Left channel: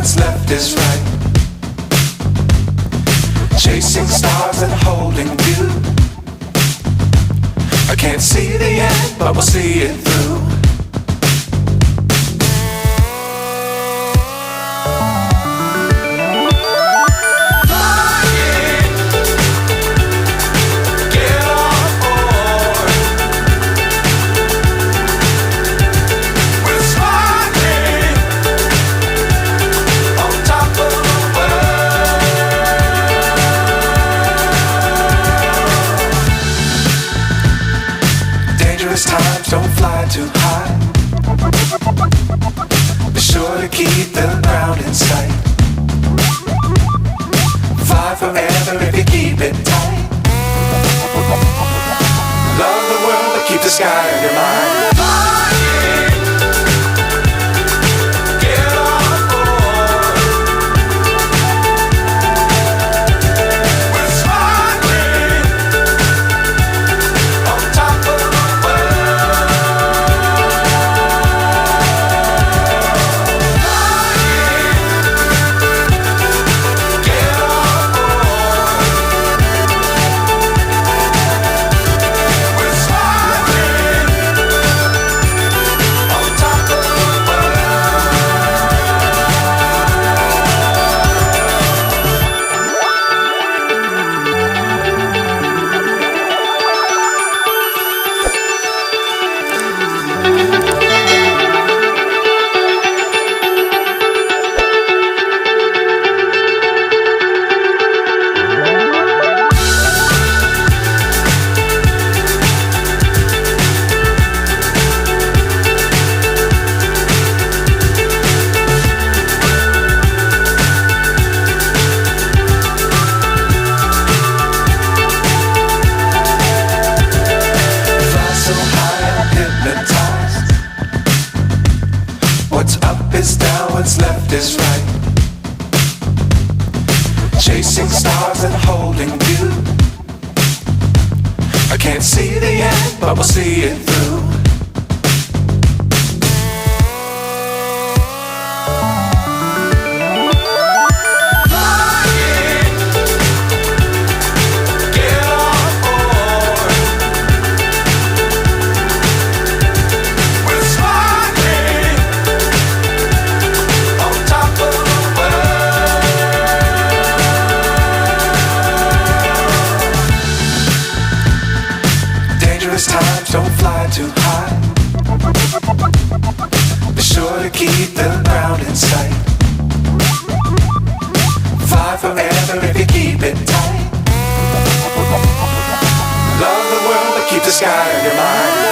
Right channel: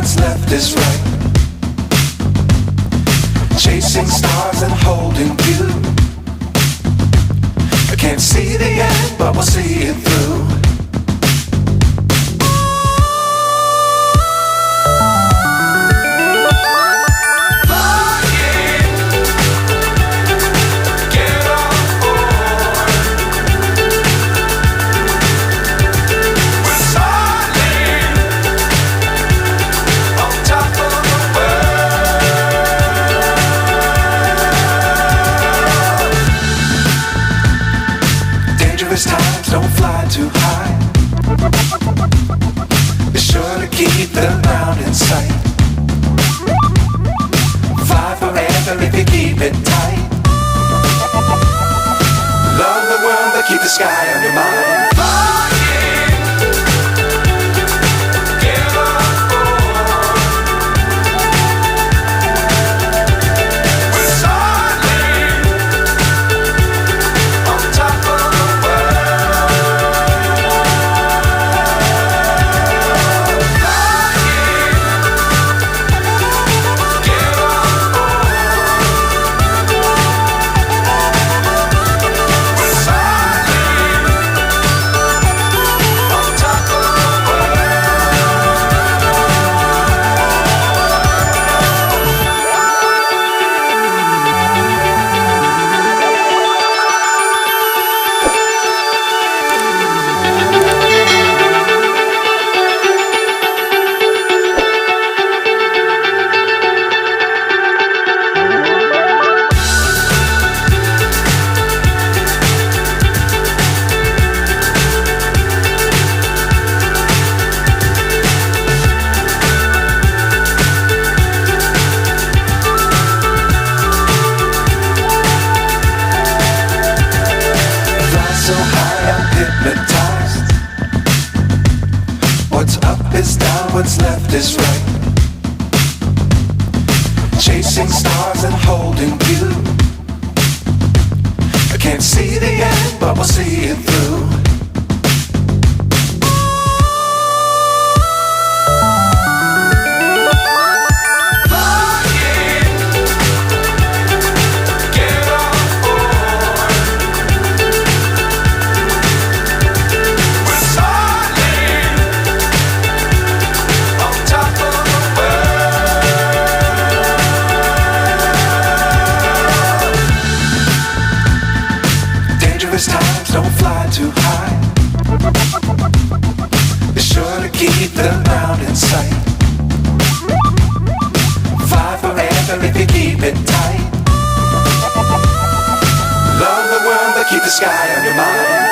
what's left is right. Chasing stars and holding you. I can't see the end, but we'll see it through. Times don't fly too high. Be sure to keep the ground in sight. Fly forever if you keep it tight. Love the world but keep the sky on your mind. So high I'm hypnotized. What's up is down, what's left is right. Chasing stars and holding you. I can't see the end, but we'll see it through. Times don't fly too high. Be sure to keep the ground in sight. Fly forever if you keep it tight. Love the world but keep the sky on your mind.